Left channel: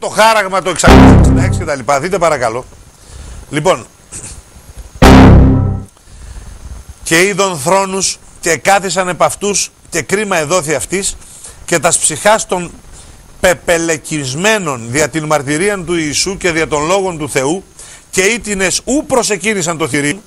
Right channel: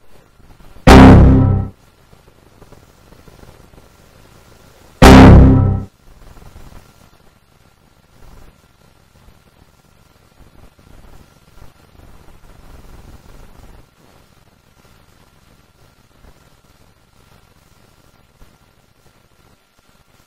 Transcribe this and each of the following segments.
το χάραγμα το 666 και τα λοιπά. Δείτε παρακαλώ. Λοιπόν, και είδον θρόνους και κάθισαν επ' αυτούς και κρίμα εδόθη αυτής και τας ψυχάς των πεπελεκισμένων δια την μαρτυρίαν του Ιησού και δια των λόγων του Θεού και ήτινες ου προσκύνησαν το θηρίο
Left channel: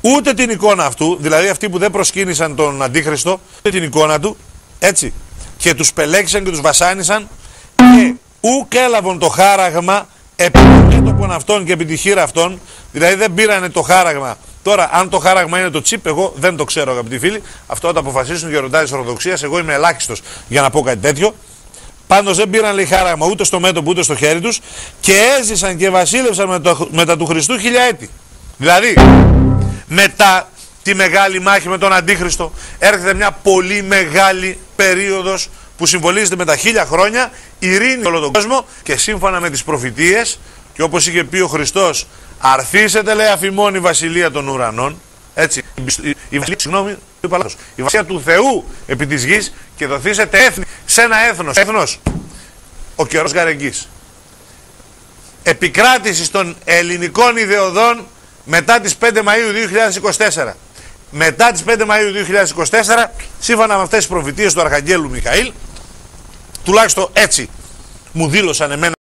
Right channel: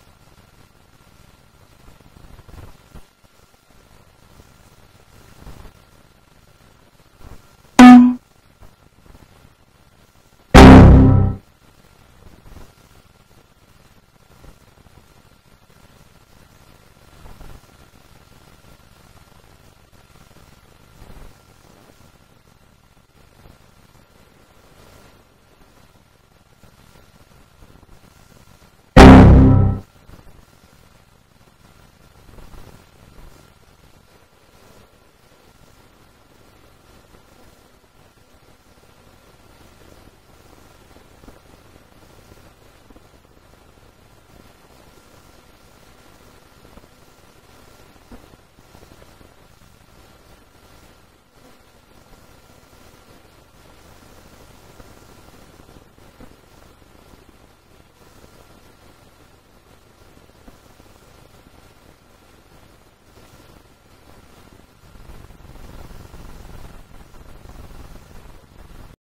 ούτε την εικόνα αυτού, δηλαδή αυτοί που δεν προσκύνησαν τον Αντίχριστο, ούτε την εικόνα του, έτσι, και τους πελέξαν και τους βασάνισαν και ουκ έλαβαν το χάραγμα επί το μέτωπον αυτών και επί τη χείρα αυτών, δηλαδή δεν πήρανε το χάραγμα. Τώρα, αν το χάραγμα είναι το τσίπ, εγώ δεν το ξέρω, αγαπητοί φίλοι. Αυτό θα αποφασίσουν οι γεροντάδες της Ορθοδοξίας. Εγώ είμαι ελάχιστος για να πω κάτι τέτοιο. Πάντως δεν πήραν, λέει, χάραγμα ούτε στο μέτωπο ούτε στο χέρι τους και έζησαν και βασίλευσαν μετά του Χριστού 1000 έτη. Δηλαδή, μετά τη μεγάλη μάχη με τον Αντίχριστο, έρχεται μια πολύ μεγάλη περίοδος που συμβολίζεται με τα 1000 χρόνια, ειρήνη σε όλο τον κόσμο και σύμφωνα με τις προφητείες και όπως είχε πει ο Χριστός, αρθήσετε, λέει, αφημών η βασιλεία των ουρανών, έτσι, η βασιλεία του Θεού επί της γης και δοθήσετε έθνη σε ένα έθνος, ο καιρός γαρεγγής. Επικράτηση των ελληνικών ιδεωδών μετά τις 5 Μαΐου 2024. Μετά τις 5 Μαΐου 2024, σύμφωνα με αυτές τις προφητείες του Αρχαγγέλου Μιχαήλ, τουλάχιστον έτσι μου δήλωσαν εμένα